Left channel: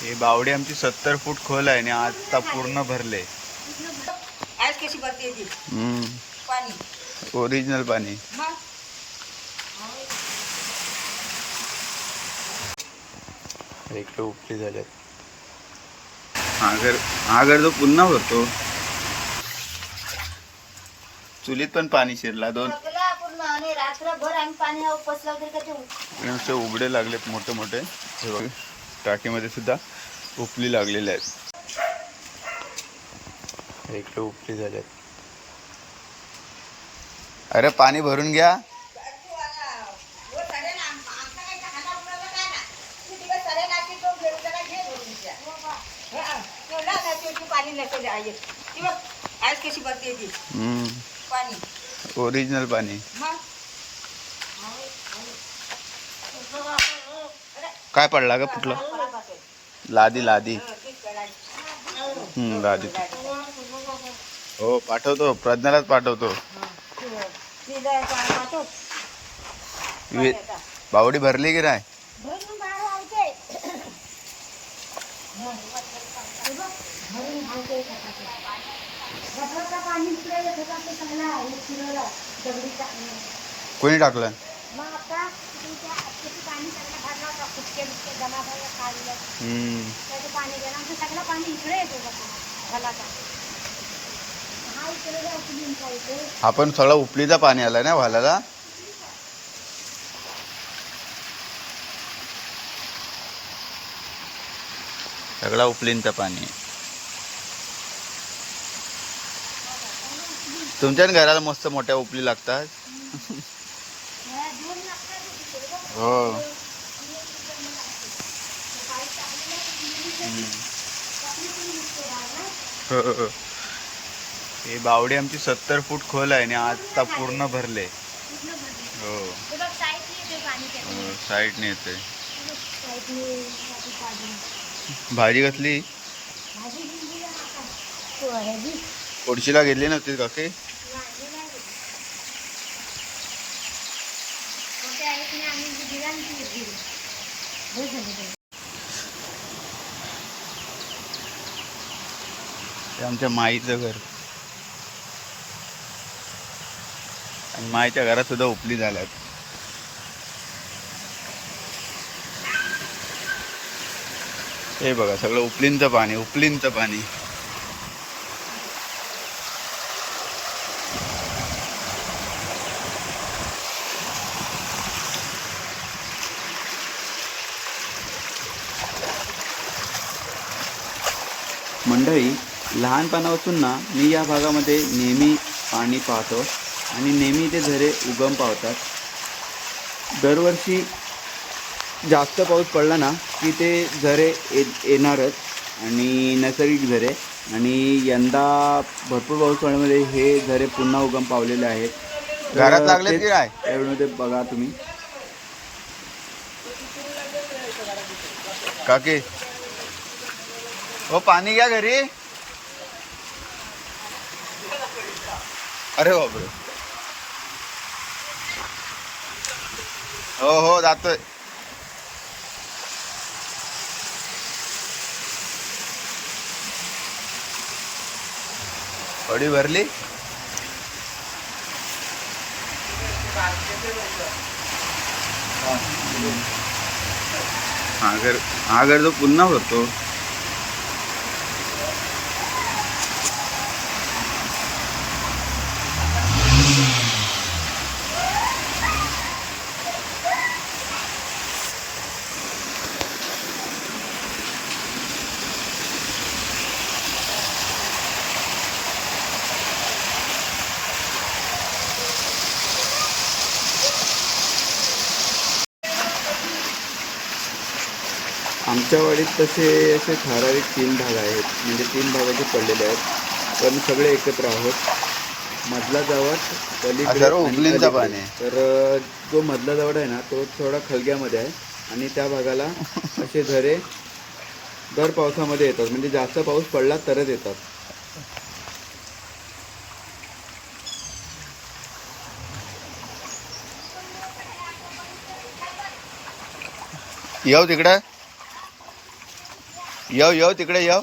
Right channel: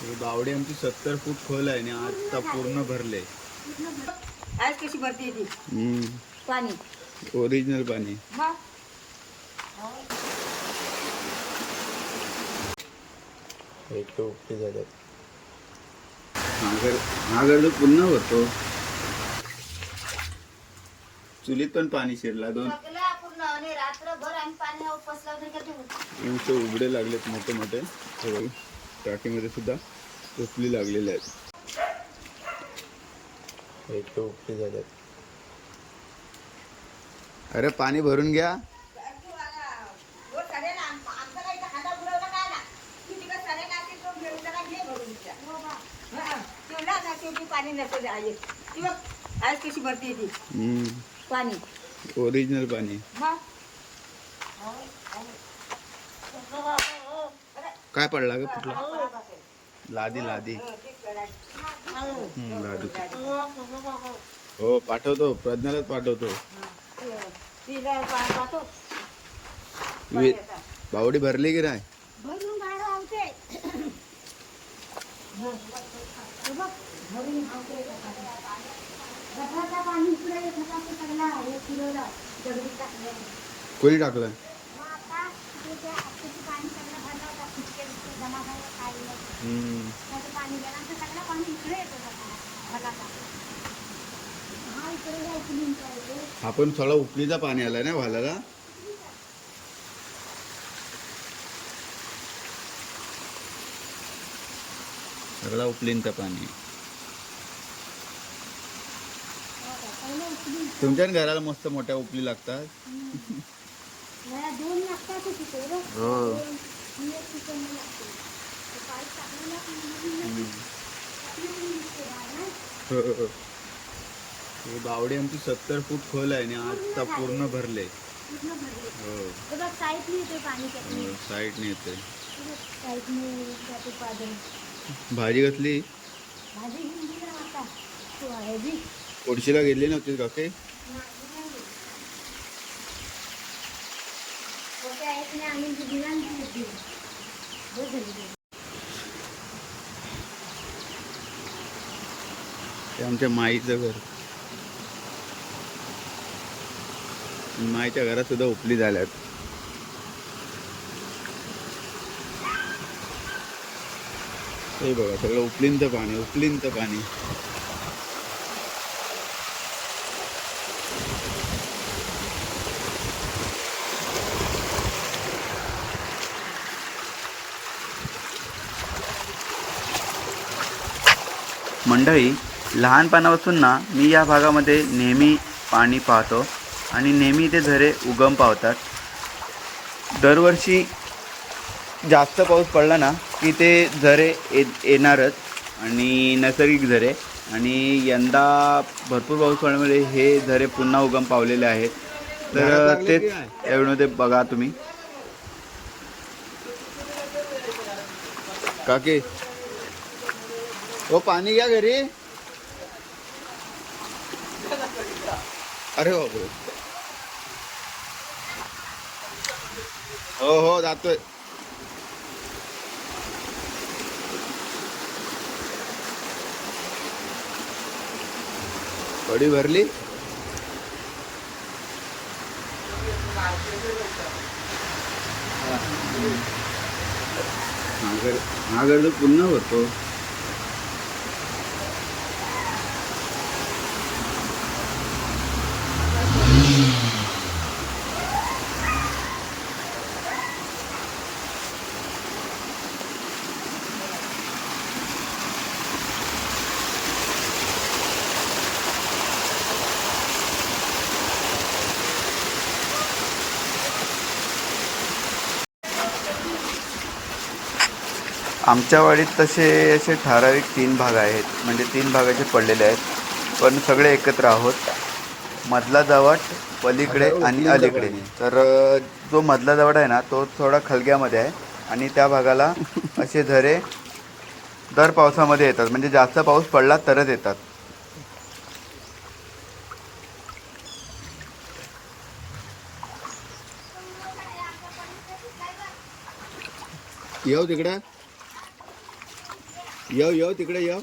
हे बावडी आमची 70 फूट खोल आहे आणि आता पूर्ण भरले। आज कशी भरती ती पाणी ओरिजिनल पाणी। एक उपली झाल्यात। आगर जो पुन्हा भरतो। चुलीत पण पाणी शिरला दोन नुसते उघडे लागलेत मोठे मोठे। हे बघ टाकीमध्ये सुद्धा उपली लागलेले आहेत। एक उपली झाल्यात। अरे पाणी भरून घ्या। आज कशी भरती ती पाणी ओरिजिनल पाणी। काय पडला ग फुटला? लादी लादी लादी। हो पाठवतो, प्रज्ञालाच पाठवतो। बावडी भरली की नाही? कोणी टाकलं? आपण सगळं उपलीचं पाणी आलं ना वालाला। सगळा उपलींचं पाणी। तुमच्या घराला मस्त मोठ्या उपली लागतात। हो हे बावडी आमची 70 फूट खोल आहे आणि आता पूर्ण भरले। हो साईडने येते। भाजी कसली? कोडशीला गेली नव्हती का काही? ते आमच्या माईचं घर आणि माईच्या घरात सुद्धा उपली झाल्यात। हे बघा सगळं उपलींचं पाणी उपलींचं पाणी। मंडळी लहानपणापासून ना मी या भागामध्ये नेहमी पाणी पाहतो आणि नेहमी ते झरे उगम पावतात। दरवर्षी जास्त पाऊस पडला ना की ते झरे येणारच आणि नैसर्गिक झरे। आणि यंदा भरपूर पाऊस पडल्यामुळे हे झरे पुन्हा उगम पावलेले आहेत। त्यावेळी बघा तुम्ही काकी वो पाणी घ्या घरी। अरे बापरे हो हो जातोय। बडी भरली। आगर जो पुन्हा भरतो। आमच्या वाडीत तसे असे ठराविक 3 भाग आहेत, म्हणजे 3 भागाचे पडलेले आहेत, पण सगळे एकत्र आहोत. मधला जावट पलीकडे आणि अलीकडे. तर जो मधला जावट आहे ना तो थोडा खलग्यामध्ये आहे आणि त्या भागाला असे झरे दर पावसामध्ये येतात, म्हणजे जास्त पाऊस पडला तरच येतात. येऊ तिकडे येऊ तिकडे येऊ.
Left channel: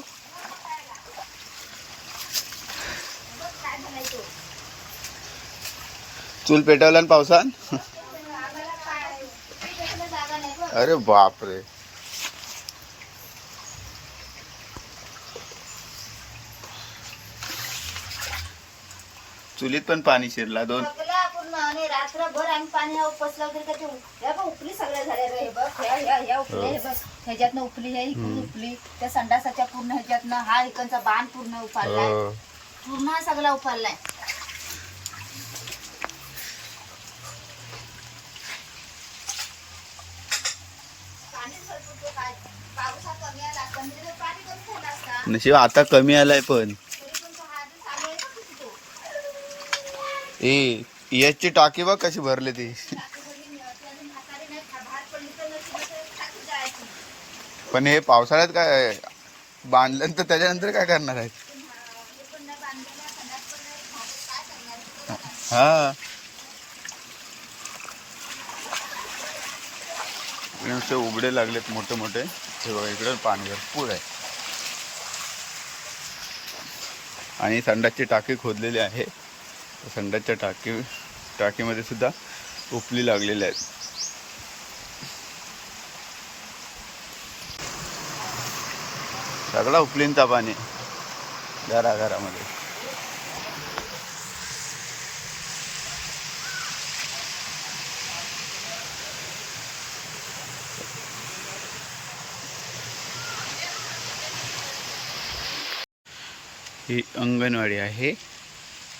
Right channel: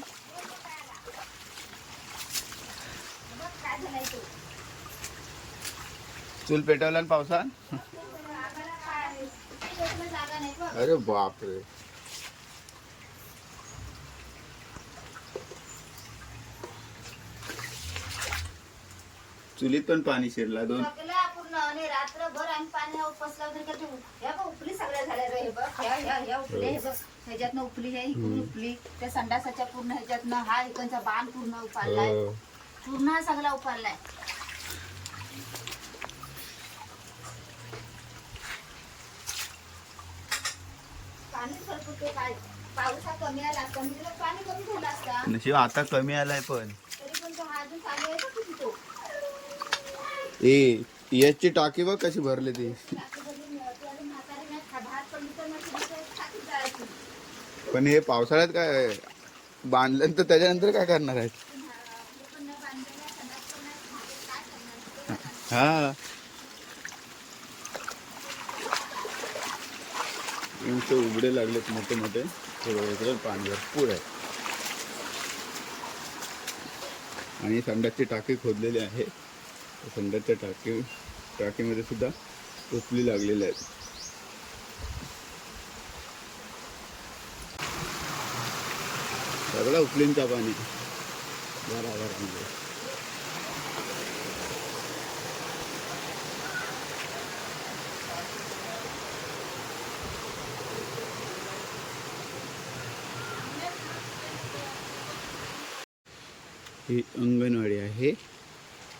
चूल पेटवला ना पावसात. अरे बापरे. चुलीत पण पाणी शिरला. दोन पूर्ण आणि रात्रभर आम्ही पाणी उपसला वगैरे करतो. ह्या बघ उपली सगळ्या झाल्या रे. हे बघ ह्या उपल्या हे बघ. ह्याच्यातनं उपली आहे, इकडून उपली, त्या संडासाच्या पूर्ण ह्याच्यातनं हा इकडचा बाण पूर्ण उपाडलाय. पूर्ण हा सगळा उपाडलाय. पाणी सरकतो काय. पावसा कमी आला असता म्हणजे पाणी कमी झालं असता. नशीब आता कमी आलाय पण. तरी पण तो हा अजून चालू आहे ना किती तो. याची टाकी बघ कशी भरली ती. पण हे पावसाळ्यात काय बांधलं तर त्याच्यानंतर काय करणार आहेत. हा नुसते उघडे लागलेत मोठे मोठे. हे बघा इकडे पाणी भरपूर आहे. आणि संडासची टाकी खोदलेली आहे. संडासच्या टाकीमध्ये सुद्धा उपली लागलेल्या आहेत. सगळा उपलींचा पाणी घराघरामध्ये. ही अंगणवाडी आहे.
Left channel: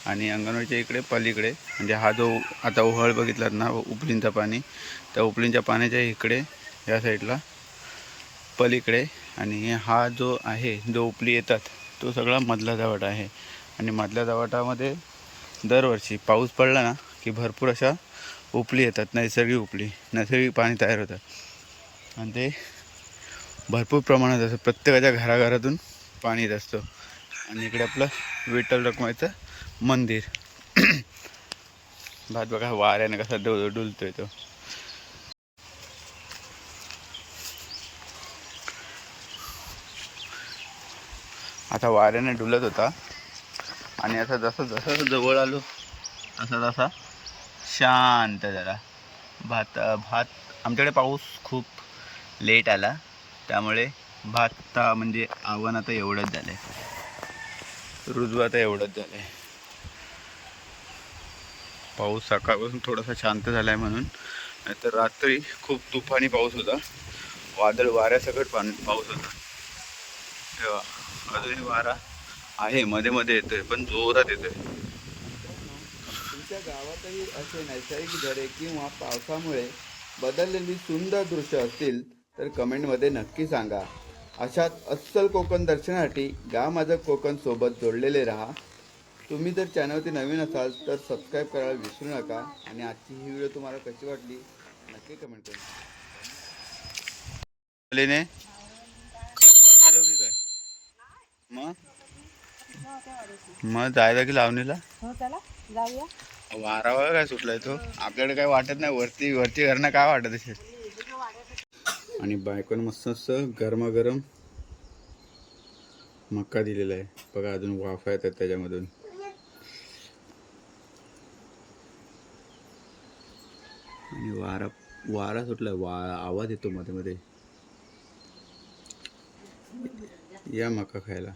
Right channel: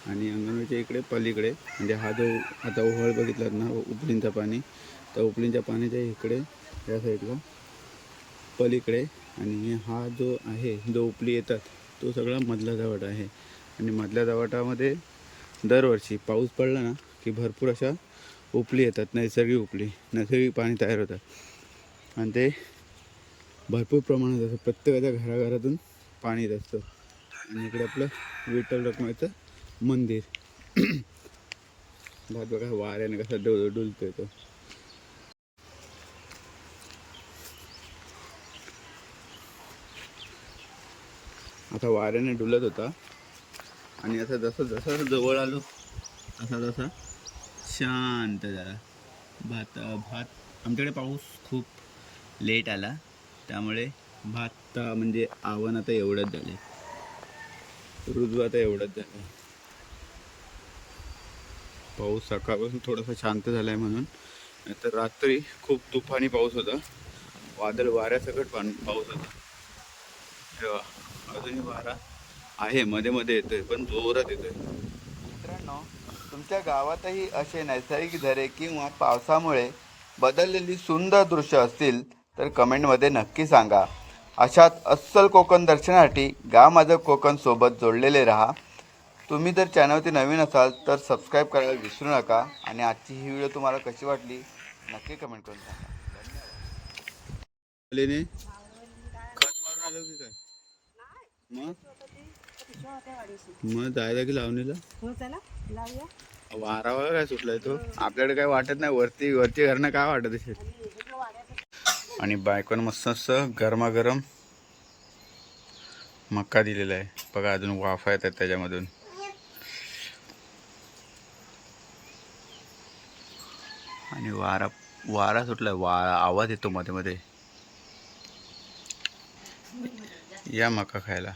आणि अंगणवाडीच्या इकडे पलीकडे म्हणजे हा जो आता ओहळ बघितलात ना उपलींचा पाणी, त्या उपलींच्या पाण्याच्या इकडे या साईडला पलीकडे. आणि हा जो आहे जो उपली येतात तो सगळा मधला जावट आहे. आणि मधल्या जावटामध्ये दरवर्षी पाऊस पडला ना की भरपूर अशा उपली येतात. नैसर्गिक पाणी तयार होतं. आणि ते भरपूर प्रमाणात असं प्रत्येकाच्या घराघरातून पाणी येत असतं. आणि इकडे आपलं विठ्ठल रखुमाईचं मंदिर. भात बघा वाऱ्याने कसा डुलतोय तो. आता वाऱ्याने डुलत होता. आणि आता जसं जवळ आलो तसा शांत झाला. भात आमच्याकडे पाऊस खूप लेट आला त्यामुळे भात म्हणजे आव्हान आता एवढंच झालं आहे. रुजू आता एवढंच झालं आहे. पाऊस सकाळपासून थोडासा शांत झाला आहे म्हणून. नाहीतर रात्री खूप तुफानी पाऊस होता. वादळ वाऱ्यासकट पाऊस होता. तेव्हा अजूनही वारा आहे, मध्ये मध्ये येतोय पण जोरात येतोय. मित्रांनो, तुमच्या गावातही असे नैसर्गिक झरे किंवा पावसामुळे बदललेली सुंदर दृश्य असतील तर कमेंटमध्ये नक्की सांगा. अशाच अस्सल कोकण दर्शनासाठी गाव माझं कोकण सोबत जोडलेले राहा. तुम्ही जर चॅनलवरती नवीन असाल तर सबस्क्राईब करायला विसरू नका. आणि आजची ही व्हिडिओ तुम्हाला कशी वाटली नक्की कमेंट करून सांगा. धन्यवाद. खत मारून आलो की काय मग जायला की लावणीला. वारा वगैरे काय सुटलाय तो. आपल्याकडे काय वाटत नाही. वरची घरनं काय वाटत असेल. आणि बायकोन मस्त गरमागरम मक्का दिलेला आहे बघा. अजून वाफा येतात त्याच्यामधून. आणि वारा सुटलाय. आवाज येतो मध्ये मध्ये. या मका खायला.